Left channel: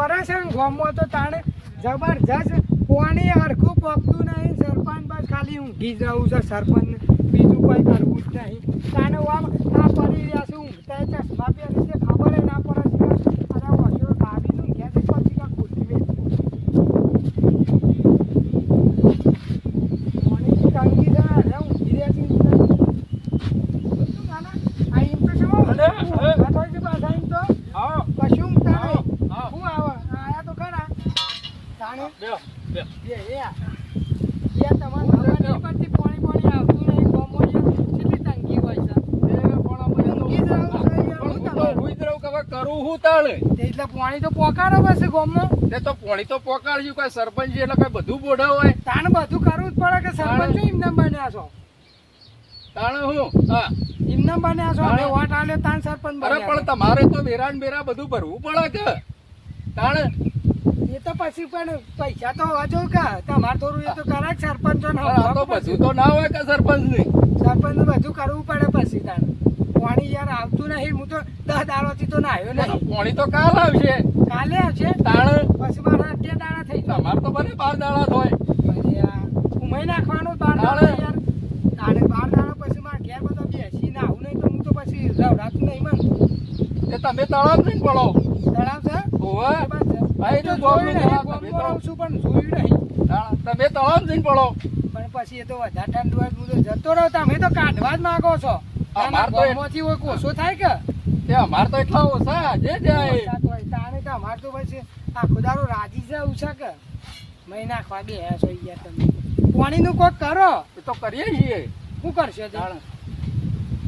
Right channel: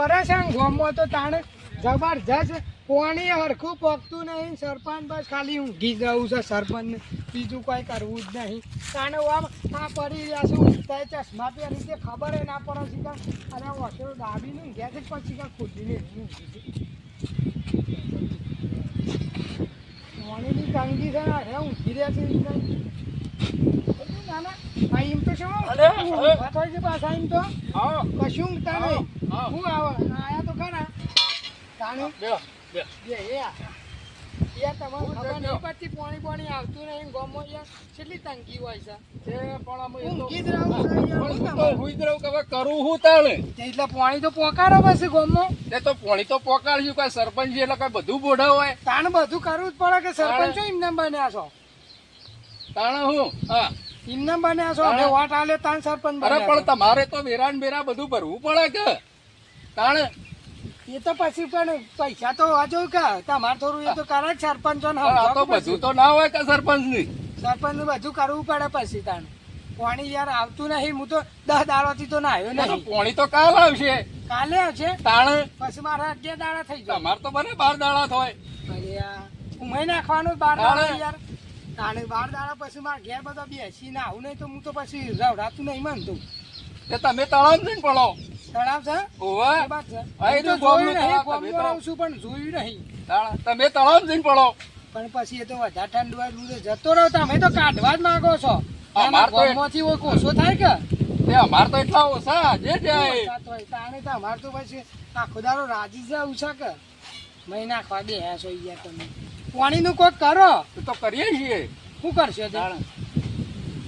પરેશાન ગામમાં તો તાણે જબરજસ્ત પાણી હરખું પકતું નહીં. સરપંચ બસ ખાલી ઊંઘી જવું છે સરપંચને, બીજું કોઈ કરવું જ નહીં. તાણે આમ આ પડી રહ્યા છે ઊંઘતા ચશ્મા પહેરી છે ખબર ના પડે છે કે અરે ઓછો દાબીને ઊંઘ્યા છે પછી કાંઈ ખોટી લે પાણીની તંગી છે અરે ઊંઘી રહ્યા છે આ એમ તો કેવો પાછા છે પાછા એમ તો કશું ઊંઘતા નહીં. હું આયા તો ખરા તાણે પાણી આવતું નહીં ગામમાં કેટલી તંગી હોય છે એટલે પાણી તો પોકારો બસ ગામમાં તો પાણી તો પોકાડ્યું કઈ સરપંચ એટલે કઈ બધું બોઢા હોય તાણે બધું કરવું જ પડે કે સરપંચ એમને બન્યા છો તાણે હું હા એમને બન્યા છો વોટ આલે તાણ સરપંચ અરે પણ તમારે તો વેરા ને બેરા બધું ભરવું પડે કે તાણે એ તો પછી પણ પૈસા તો હોવા કે તમારે થોડું એ તો કરે જ સરપંચો આ તો બધું તો ના હોય કે સરપંચ ની સરપંચ નું બધું કરવું પડે પછી તાણે પાણી યાર આવતું નહીં. હું તો 10 દાડાથી તો નાહ્યો નહીં. પાણી તો કાલ આવશે કાલે આવશે તાણે પછી મારા 2 દાડા થઈ ગયા. તમારે તો બને 12 દાડા થાય ઉમાઈ નાખવાનું 12 દાડા યાર તાણે 12 દાડા પછી મારા ઘેર બધા બેસી ના આવું નહીં તો હું તો પછી રવડાતું નહીં માનતો. એ તમે તળાવ જઈને પડો તળાવ છે હોવે ભાઈ તો જોયું નહીં તમે ગામમાં છું પણ જોયું નહીં. તળાવ જઈને પડો પણ પછી એ તો વધારે ઠંડુ હોય હું તો જતો રહો. તમે તો કાઢવા જ માંગો છો. અમાર તો ગામમાંથી કોઈ કોસો થાય કે તે અમાર તો એટલા ઓછા જે જાય તાણે તો અમાર તો પછી આખો દાડો રાજી જવું છે કે મહી નાખવા દે હે સોઈ ગયા તમે પાણીનું કોક કરો તો કરીએ છીએ શું કરશો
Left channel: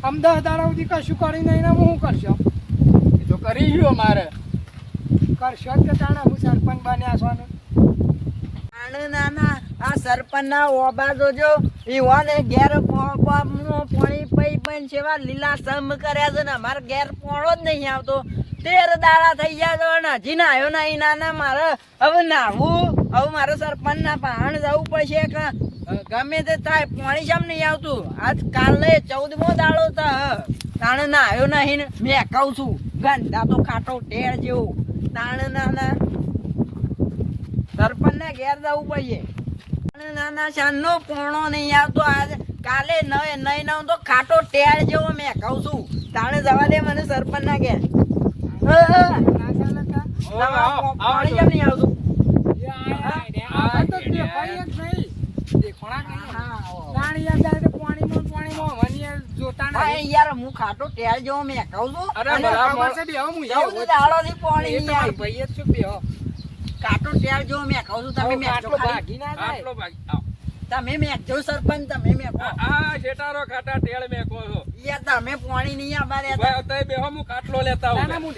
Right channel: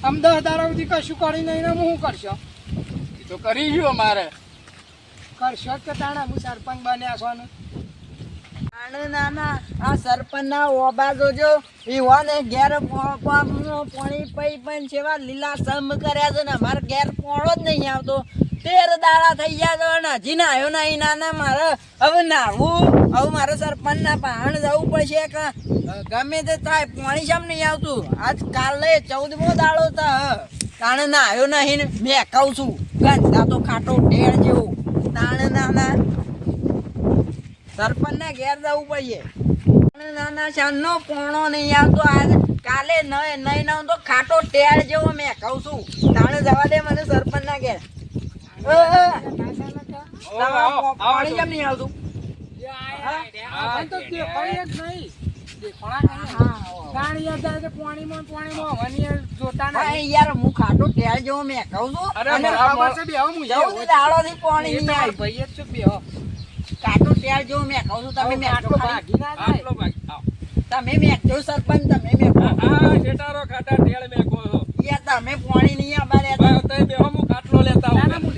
આમ 10 દાડા સુધી કશું કરી નહીં ને હું કરશો એ તો કરીશું અમારે કરશો કે તાણે હું સરપંચ બન્યા છો ને નાના આ સરપંચ ના ઓબા જોજો ઈવાને ઘેર પાણી પઈ પઈ સેવા લીલા સમ કર્યા છે ને અમારે ઘેર પોણો જ નહીં આવતો 13 દાડા થઈ ગયા તો ને હજી નાયો નહીં. નાના મારે હવે નાવું હવે મારે સરપંચ ના પહાણ જવું પડશે કે ગમે તે થાય પાણી કેમ નહીં આવતું. આજ કાલે 14મો દાડો તો તાણે નાયો નહીં ને મેં કહું છું ગંદા તો ખાટો ઢેર જેવું તાણે નાના સરપંચ ને ઘેર જવું પડશે. નાના શાનનો પોણો નહીં આવતો આજ કાલે નહીં ના તો ખાટો ટેર જેવો મેં કહું છું તાણે જવા દે મને સરપંચ ના ઘેર. પાણી કેમ નહીં આવતું યાર હું ખાટો ટેર જેવો મેં કહું છું દાડો થી પાણી નહીં આવ્યું કાટો ટેર જો મેં કહું છું તમે મેં તમે મેં જો સરપંચ તમે મેં શેટારો ખાટા ટેળ મેં કહો છો યાર તમે પાણી નહીં અમારે બેહો હું કાટલો લેતા હું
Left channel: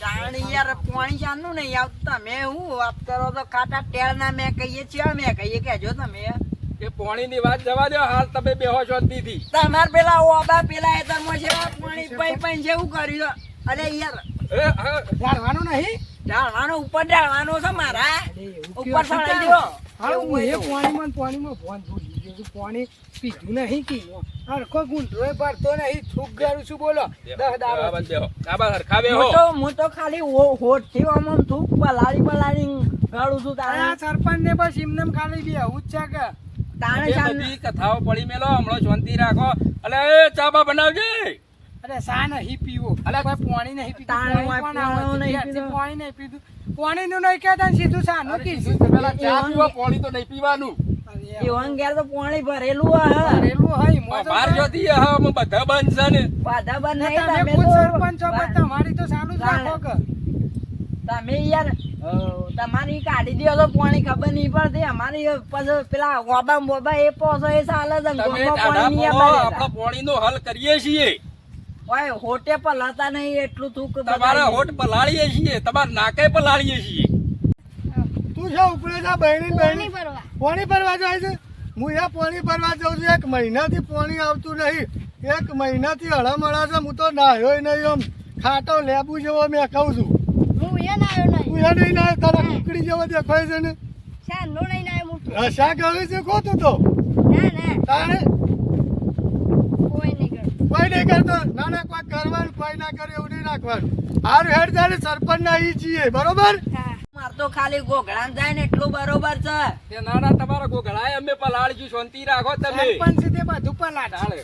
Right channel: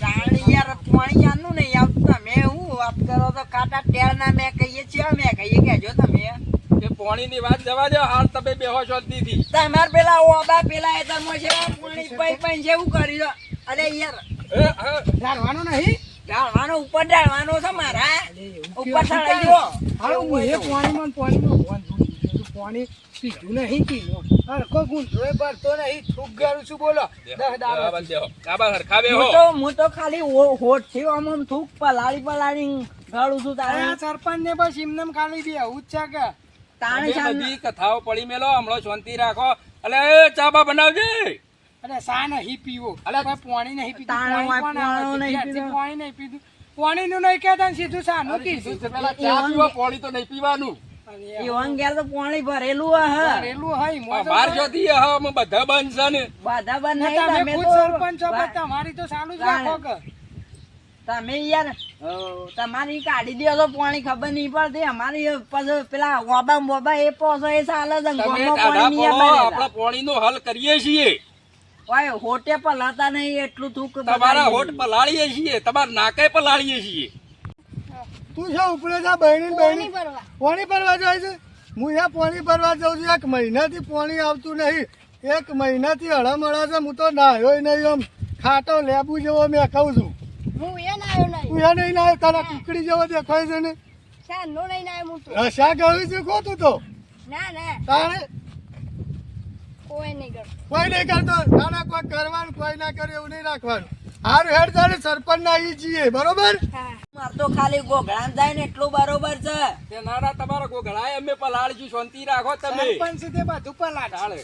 જાણી યાર પાણી જાણનું નહીં આવતું. તમે હું વાત કરો તો ખાટા ટેળ ના મેં કહીએ છીએ મેં કહીએ કેજો તમે એ પાણી ની વાત જવા દો હાલ તમે બેહો છો દીધી તમારે પેલા ઓબા પેલા એ તમે છે પાણી પઈ પઈ જેવું કર્યું. અરે યાર ઢાળવાનું નહીં ઢાળવાનો ઉપર ઢાળવાનો છે મારા ઉપર ચડાઈ દો. પાણીમાં પાણી પીધું નહીં કિલો હરખો ગુંઠરો ભરતો નહીં થૂક ગયું છું બોલો 10 દાડા હું તો ખાલી હોઠ થી આમ થૂક પલાળી ગાળું છું. તારા સરપંચ ને બસ એમને ખાલી બે આવું જ છે કે તાણે બધી કથાઓ પડી મેલો હમણાં શાંતિ રાખો. અલે ચા બા બનાવજે. અરે સા નહીં પીવો અલે પાણી નહીં પીતું પાણી નહીં પીતું પાણી નું નહીં કહેતા સીધું સાનું કીધું પેલા ચા પીવો પાણી તો નહીં પીવાનું. એવાન ઘેર તો પાણી ભરેલું બાર જોતી હા બધા બંધ છે ને બધા બંધ તમે ખુદ સરપંચ છો પણ તમારી તો ચાલુ જ રાખો કે તમે યાર તમારી કાઢી દો તો પાણી ખબર નહીં પડતી. અમારી પછી પેલા ઓબા મોબા એ પોસો એ ચાલે છે આપણા પાણી નો હલ કરીએ છીએ. ઓય હોટે પલાતા નહીં એટલું થૂક તમારા હોટ પલાળીએ છીએ તમારા નાકે પલાળીએ છીએ. તું છે ઉપરે જા બહેણી પાણી ભરવા જાય છે. હું અહીંયા પાણી ભરવા જાઉં છું 1 મહિનાથી પાણી આવતું નહીં. 1 મહિનાથી હળમળા છે હું તો નાહ્યો નહીં આમ ખાટો લેબુ જેવો મેં કહું છું. તું નહીં નાહ્યો તારા કુકડી જેવો દેખાય છે ને શા ગયું છે ખોતું તો તારે કોઈ નહીં કરતો તારે કોઈ કરવાનું કોઈ ના કરે એવું નહીં રાખવાનું. હારું હેડ તારે સરપંચ ના ઈ છીએ બરોબર માર તો ખાલી ગોગળામ જાય ને એટલું બરોબર છે. તે નાના તમારા કોઈ ઘણાય અમે પલાળજો, શાંતિ રાખો તમે. તાણે.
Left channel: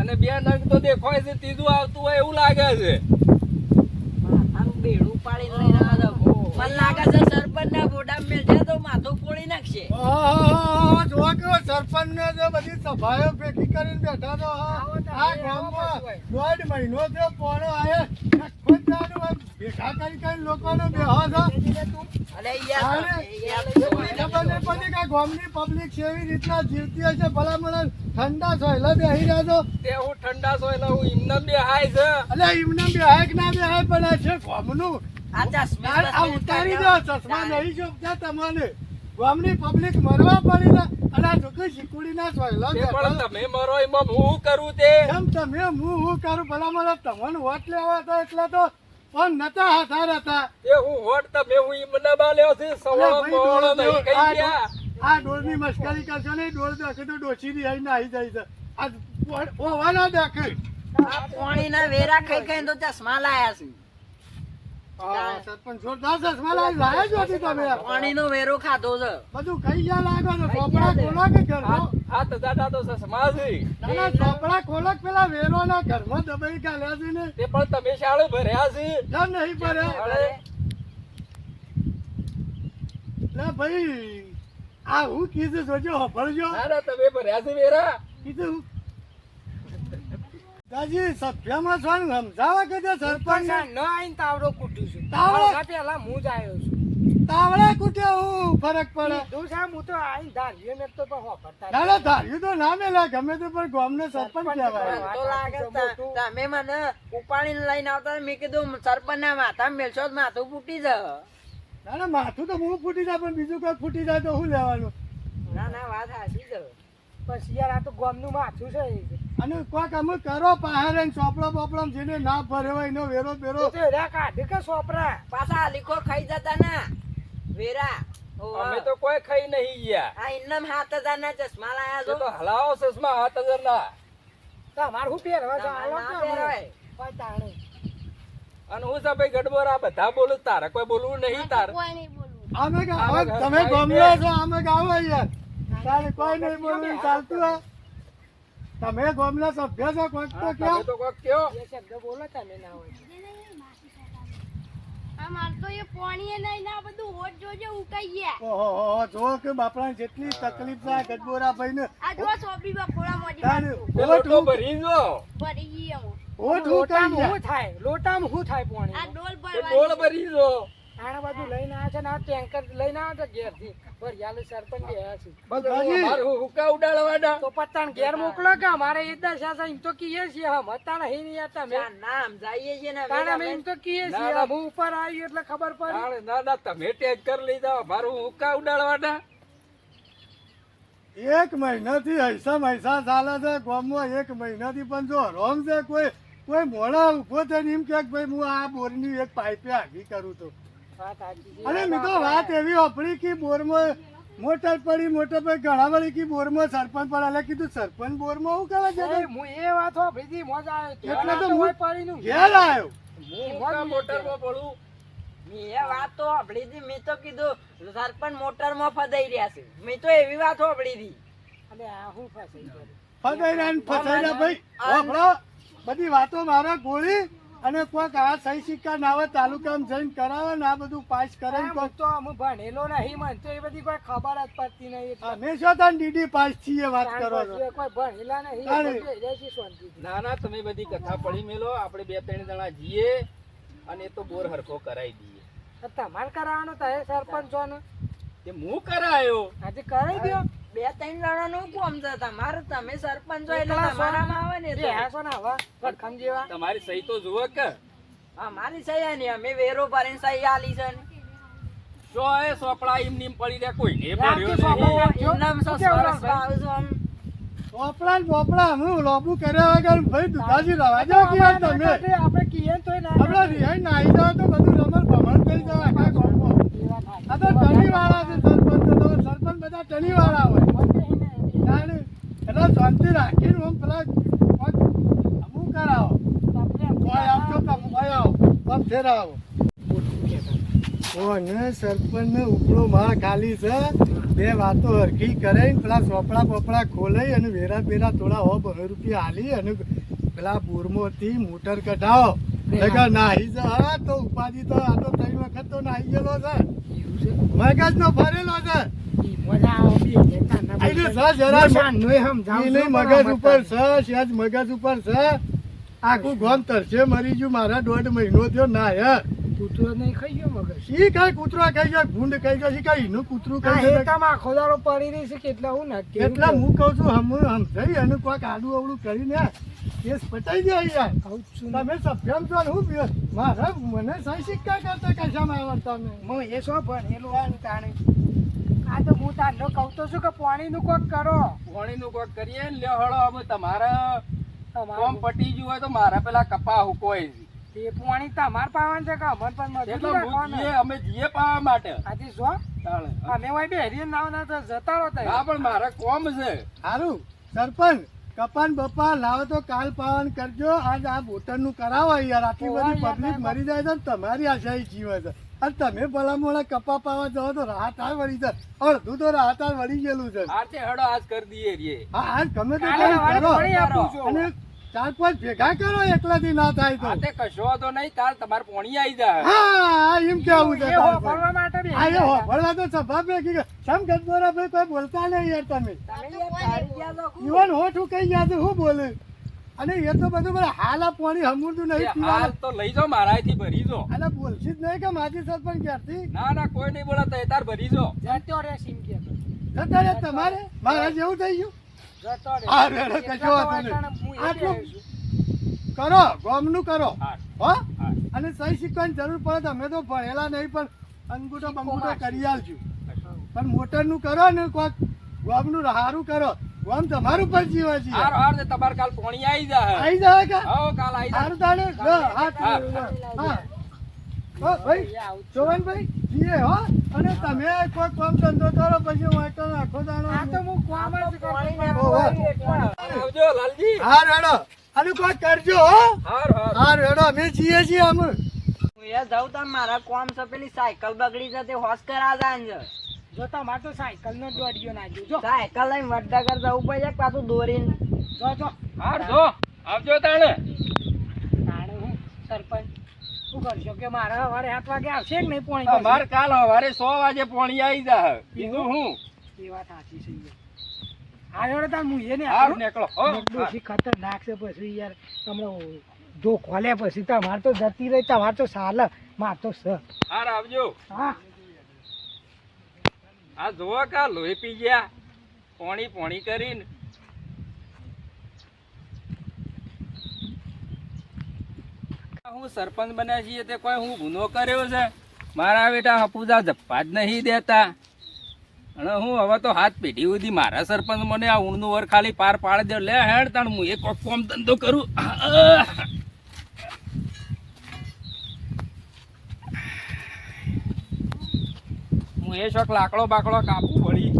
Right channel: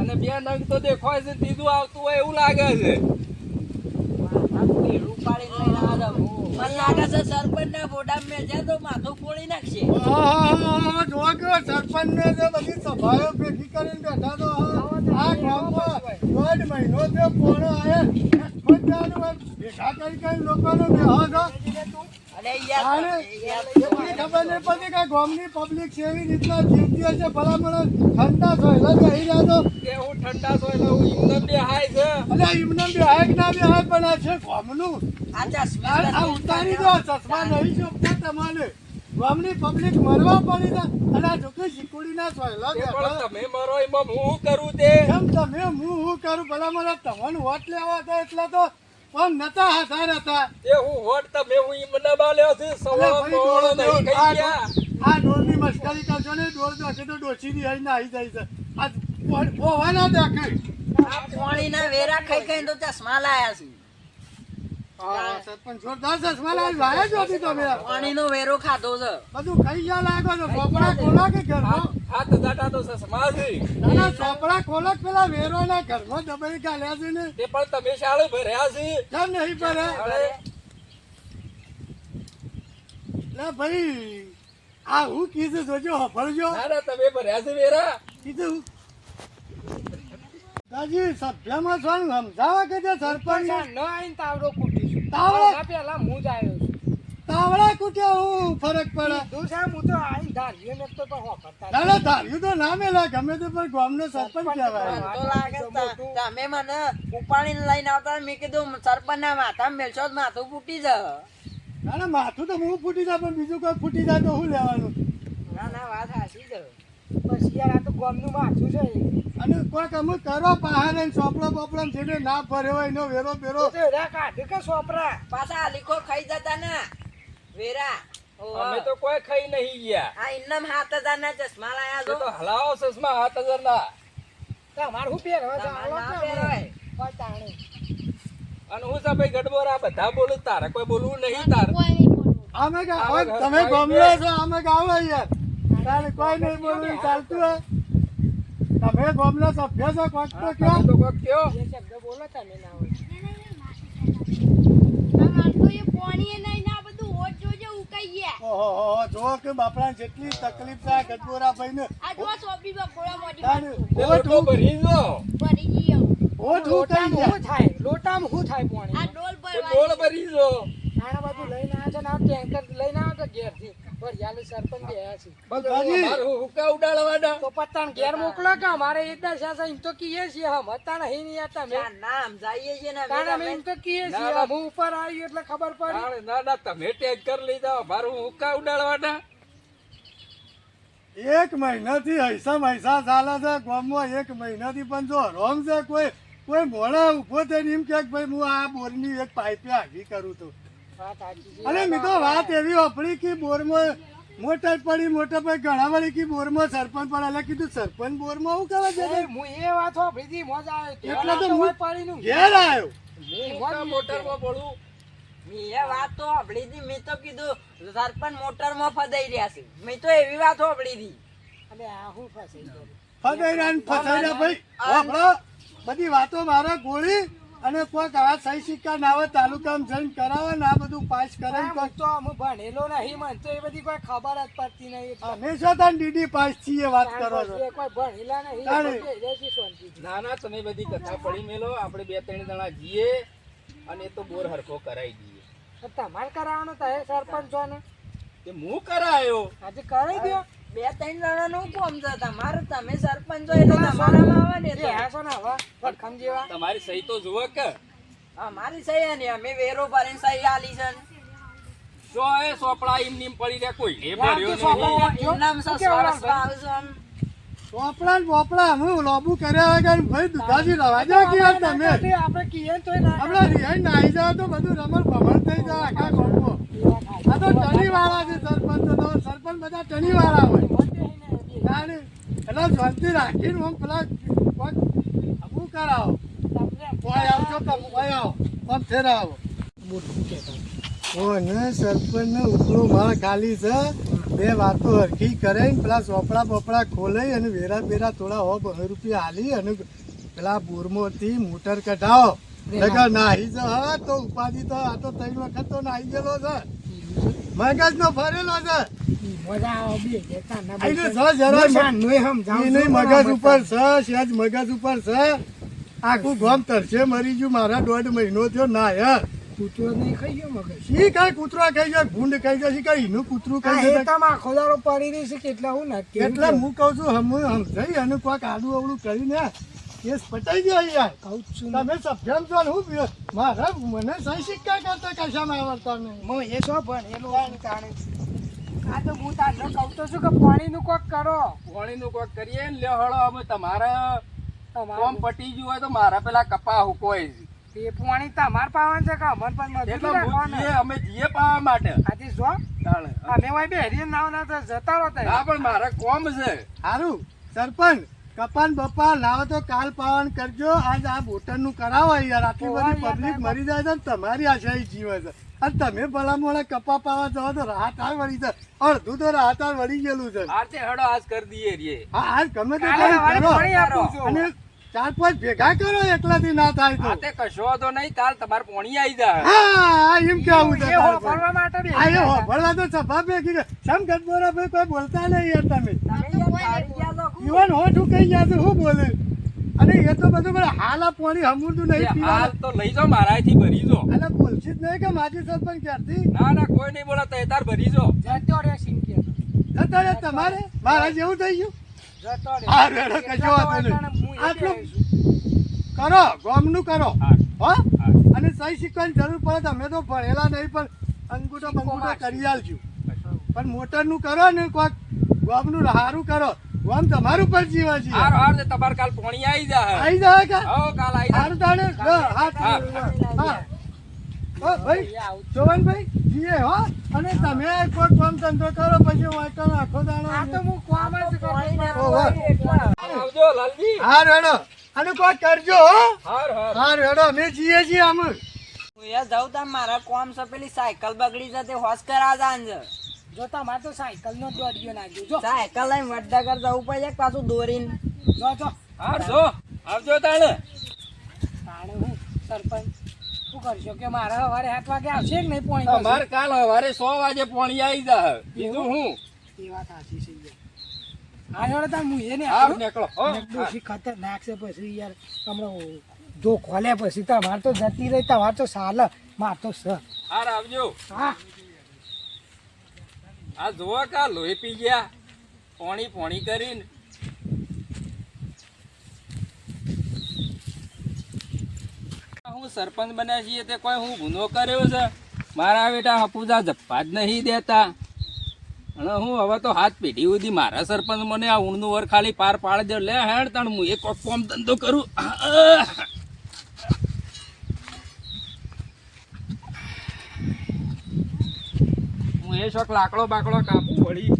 અને બે નંગ તો દેખાય છે, ત્રીજું આવતું હોય એવું લાગે છે. માથાનું ભેળું પાડીને લઈને આવ્યા છો. મને લાગે છે સરપંચ ના ફોટા મેં છે તો માથું ફોડી નાખશે. જો કે સરપંચ ને તો બધી સભાઓ ભેગી કરીને બેઠા તો આ ગામમાં 1.5 મહિનો થયો પોણો આયે ભેગા કરી લોકોને બેહો છો અરે યાર એમની ખબર નહીં પડતી કે ગામની પબ્લિક કેવી રીતના જીવતી હશે ભલામણ ઠંડા સોયલા બેહી રહ્યા છો કે હું ઠંડા છો એટલે હું ઇન્દમ બે હાય છે. એટલે એમને બેહાય કે ના બેહાય પણ આ છે ગામનું આ ચશ્મા આ ઉતારી દો ચશ્મા નહીં જોતા તમારે ગામની પબ્લિક મરવા પડી છે અને આ છોકરી શીકુડી ના સોયલા તે બેઠા. પણ તમે મરો એમાં હું કરું તે. કેમ તમે હું કરું ભલામણ તમને વોટ લેવા હતા એટલે તો પણ નતા હાથાર હતા તે હું હોટ તમે હું ઈમને બાલ્યો છે સવાળો મોળો નહીં કહી ગયા. આ ડોરની મસ્કરી કરશો ને ડોર દેખે તો ડોસીની હઈ ના આવી જાય છે આ ઓવા ના દેખે આ પાણીના વેરા ખાઈ ખાઈને તો ચશ્મા લાયા છે. સરપંચ જોરદાર ચશ્મા લાયા જ હતી તમે પાણીનો વેરો ખાધો છે. બધું ખાઈ ગયા લાગો છો ચોપડા ખોલા કે ઘરમાં હાથ દાટા તો સસમા છે. ના ચોપડા ખોલા કે પેલા વેરો ના ઘરમાં દબાઈ ગાલ્યા છે ને તે પણ તમે શાળે ભર્યા છે. કેમ નહીં પડે અરે ના ભાઈ આ હું કીધું જોજો હફળજો ના ના તમે ભર્યા છે વેરા. કીધું દાદી સભ્યમાં છો ને સમજાવા કે છે સરપંચ તાવડો તાવડા કૂટે હું ફરક પડે ના ધાર્યું તો ના મેલા ગમે તે પણ ગામનો સરપંચ કહેવાય તો લાગે તમે મને ઉપાડીને લઈને આવતા મેં કીધું સરપંચ ના માથા મેલશો તો માથું ફૂટી જાય. ના ના માથું તો હું ફૂટી જાય પણ બીજું કોઈ ફૂટી જાય તો શું લેવાનું ના ના વાત સાચી છે. અને કોઈક અમુક કરો પહાડે ચોપડો બોપડો જેને ના ભર્યો હોય એનો વેરો બેરો પાછા લીખો ખાઈ જતા ને વેરા. અમે તો કોઈ ખાઈ નહીં ગયા. આ ઇન્નમ 7,000 ના ચશ્મા લાયા તે છો. તો હલાવો સસમા 7,000 ના. ના પહેરવાય. અને હું છે ભાઈ ગડબોરા બધા બોલું, તારે કોઈ બોલવું નહીં. તાર અમે હવે તમે ગમલા છો અમે ગાવ યાર તારે કોઈ નહીં બોલવું ચાલતું હે તમે ગમલા સભ્ય છો કોઈક તો તમે ક્યાં તો કોક કયો. ઓહો જો કે બાપડા જેટલી તકલીફ થાય ગજબોરા ભાઈ ને તે લોટો ભરી જો. ઓટ હું કઈ થાય લોટામાં શું થાય પાણી તે ડોલ ભરી જો. આના બધું લઈને આવ્યા છે ને આ ટેન્કર લઈને આવ્યા છે ઘેરથી ભરિયાલે સરપંચ ગયા છે બધું મારું હુક્કા ઉડાડવાના. તો પત્તાને ઘેર મોકલો કે અમારે એ દશા છે એમ તો કીએ છીએ હમ હતા નહીં નહીં હતા મેં ના ના સમજાઈએ છીએ ને તાણે અમે એમ તો કીએ ના, છીએ ના. હું ઉપર આવ્યું એટલે ખબર પડી તાણે ના ના તમે ટેન્કર લઈ જાઓ, મારું હુક્કા ઉડાડવાના. 1 મહિનાથી હૈસા ચાલે છે ગામમાં 1 મહિનાથી પણ જો રોમ છે કોઈ મોડા ઉભો થઈને એમ કે ભાઈ હું આ બોરની એક પાઇપે આગી કરું તો વાત સાચી છે. અરે મેં તો વાત એવી આપણી કે બોરમાં મોટર પડી મોટર પર ઘણા વળી કે બોરમાં સરપંચ પડે એટલે કીધું સરપંચ બોરમાં શું કરે છે એ હું એ વાત સાંભળી હતી મજા આવે એટલે તો હોય હું પાણીનું ઘેર આવ્યો હું હુક્કા મોટરમાં પડું. મેં એ વાત તો સાંભળી હતી. મેં તો કીધું સરપંચ મોટરમાં ફસાઈ રહ્યા છે. મેં તો એવી વાત સાંભળી હતી. અને આ હું ફસાઈ ગયો ફસાઈ ભાઈ આપણો બધી વાતો મારા ગોળી અને કોઈક આ સહી સિક્કા નાવે તાલુકામાં જઈને કરાવે ને આ બધું પાસ કરે ને હું કોઈક તો આમ ભણેલો નહીં મને તો એ બધી કોઈ ખબર જ પડતી નહીં એટલે. હંમેશા તને ડીડી પાસ છીએ વાત તાણ કરો છો પછી એ કોઈ ભણેલા નહીં તાણે. એ બધું રહેશે શાંતિથી. ના ના તમે બધી કથા પડી મેલો, આપણે 2-3 જણા જઈએ અને એ તો બોર હરખો કરાવી દઈએ. તો તમારે કરાવવાનો તો એ સરપંચ છો ને તે હું કરાયો. આજે કરાવી દો 2-3 જણાનું કોમ છે તમારે. તમે સરપંચ છો એટલે તમારામાં આવે ને એ એટલે. હાસો ને હવા વડખમ જેવા તમારી સહી તો જુઓ કે અમારી સહી હે ને અમે વેરો ભરીને સહી આલી છે ને. જો એ સોપડા એમ નીમ પડી રહ્યા, કોઈ ને રાખી ભર્યો સોપડા નહીં. જો, ઇનામ શું સસ્તા કેવું રસ્તા લાગે? આવશે આમ. પોપડા ને પોપડા હું લોબુ કર્યા વગર ભાઈ દુધાજી રવા દો કે યાર તમે આપણે કીએ ને તોય ના આપણે રિહાઈ નાઈ જાવ તો બધું રમણ ભમણ થઈ જાય આખા ગામમાં. આ તો ટણી વાળા છે સરપંચ તો સરપંચ બધા ટણી વાળા હોય તાણે એટલે શાંતિ રાખીને હું પેલા કોઈક અમુક કરાવો કોઈ આવજો કે કોઈ આવો આમ ફેરા આવો મોટું કહેતા ઓને સરપંચને ઉપરો માળ ખાલી છે બે વાતો હરખી કરાઈને પેલા ચોપડા બોપડા ખોલાઈ અને વેરા બેરા થોડા 100 રૂપિયા હાલી અને પેલા બોરમાંથી મોટર કઢાવો નકર નાહી જ હા તો ઉપાધિ તો આ તો 3 વખત તો નાહી ગયેલો છે મગજનો ફરેલો છે મજા આવે બી કહેતા ના આઈને જરા નહીં મગજ ઉપર છે સહેજ મગજ ઉપર છે આખું ગામ તરસે મરી ગયું મારા 1.5 મહિનો થયો ના યાર કૂતરો નહીં ખાઈ ગયો મગજ શી કઈ કૂતરો ખાઈ જાય ભૂંડ ખાઈ જાય શી કઈ એનું કૂતરું ખાઈ જાય ખેતરમાં આખો દાડો પડી રહી છે કેટલા હું ના એટલે હું કહું છું સમજાઈ અને કોઈક આડું અવળું કરીને કેસ પટાઈ ગયો યાર કહું છું તમે સભ્યમ છો ને હું મારા મને સહી સિક્કા કરતા કશામાં આવડતા નહીં હું એ શું ભણેલો છું તાણે આ તો હું તારનો કહું તો છું કે પાણીનું કોક કરો પાણીનું કોક કરીએ ને લ્યો હળો અમે તમારા કોમ તમારે પટી ગયું હોય તો મારા પેલા કપા હુકોય છે. તે પાણી તમાર પાવાનું છે કે અમર પણ એટલે મજૂરી હું રાખવાના જીએ, અમે જીએ પાવા માટે આજે જો તાણે. અમે હોય બેહરી નાવ ના તો જતા રહો તઈ. ના પણ મારે કોમ છે સારું સરપંચ કપાન બપા લાવો તો કાલ પાવન કરજો આજ આ બોટરનું કરાવો યાર આટલી બધી ઓવા યાર, પબ્લિક મરી જાય છે ને તમારી આશાઈ જીવે છે અને તમે ભલા મોડા કપા પાવા જાઓ તો રાહત આ વળી છે અડધું તો રાહત આ વળી ગયેલું છે આરતે હળો આજ કરી દઈએ રે હા આજ ગમે તે કાલે કરી સવારે કરો. પાણી આપું છું. અને 4-5 ભેગા કરો એકલાથી ના થાય તો આતે કશો તો નહીં કાલ તમારે પોણી આવી જાય હા એમ કેવું છે એ તારે હોભળવા માટે બેહી આ એ ગયા હતા. હોભળવા તો સભા ભેગી ગઈ. સમ ગજબોરા ભાઈ કોઈ બોલતા નહીં યાર તમે તમે યાર પાડી ગયા તો ખુબ. ઈવન હોઠું કઈ ગયા છે હું બોલે અને એ તો બધું પણ હાલ આ પાણી હમુરતું નહીં એ હાલ પીવાનું તો લઈ જાઓ મારાથી ભરી જો અને બોલશી જ નહીં કે માજી સરપંચ ક્યારથી ના ના કોઈ નહીં બોલા તો તાર ભરી જો જતો રે સિંકી હતો. અત્યારે તમારે મારા જેવું થઈ ગયું જતો રે. હા, રે, રે, કશો એટલા વાંધો તો નહીં. વાટાણે હું એ આટલું બેહી છું. કરો ગામનું કરો હા હો હા અને સહી શીખવાની જરૂર પડે તો અમે તો ભણેલા નહીં પણ અંગૂઠો બંગૂઠો કરી આલશું પણ મોટરનું કરો ને કોઈક ગામનું સારું કરો ગામ તમારું પર જીવા છીએ હાર હાર ને તમારે કાલ પોણી આવી જાય આવી જાય કે હો કાલ આવી જાય સારું તાણે હાથ હા. હા હો ભાઈ જોવનભાઈ જીએ હો અને તમે કોઈ કામ ધંધો કરો પછી વાંચો આખો દાડો આ તો હું કોમ જ પાણી કરતો ના ઓહો. હોય એટલા. આવજો લાલજી હા રેડો અને કોઈ કરજો હો હાર હાર હા રેડો અમે જીએ છીએ અમે હું એ જાઉં તાર મારા કોમ છે પેલી સાયકલ બગડી જતી હોશ કરા જાન છે જો તમારે તો સાયકલ નો દોડ્યો ના જો સાયકલ લઈને વડનગર જવું પડે પાછું દોરીને જો જો હાર જો આવજો તાણે તાણે હું સરપંચ શું કરશો કે મારા સવારે 7 વાગે આવશે કે નહીં પોણી અમારે કાલ સવારે 100 વાગે પોણી આવી જાય બીજું હું એ વાત સાચી છે યાર આ જોડે તાર હું એને હાર નીકળો હો ડોશી ખતરનાક છે પછી યાર હમણાં જો ખોલ્યા પછી તમારે તો જતી રહી તમારે તો સાલ માર તો સ હાર આવજો હા આ જોવો કા લોહી પી ગયા પોણી પોણી કરીને હું સરપંચ બન્યા છીએ તે કોઈ હું ગુનો કર્યો છે મારા બેટા હપુજા જપ્પા જ નહીં દેતા અને હું હવે તો હાથ પેઢી સુધી મારા સરપંચ મને આ ઊણનું વર ખાલી પાર પાડી દે લે હેડ તાણ હું એક કોમ ધંધો કરું હું એ શોખ લાકડો બાકડો કાપું વળી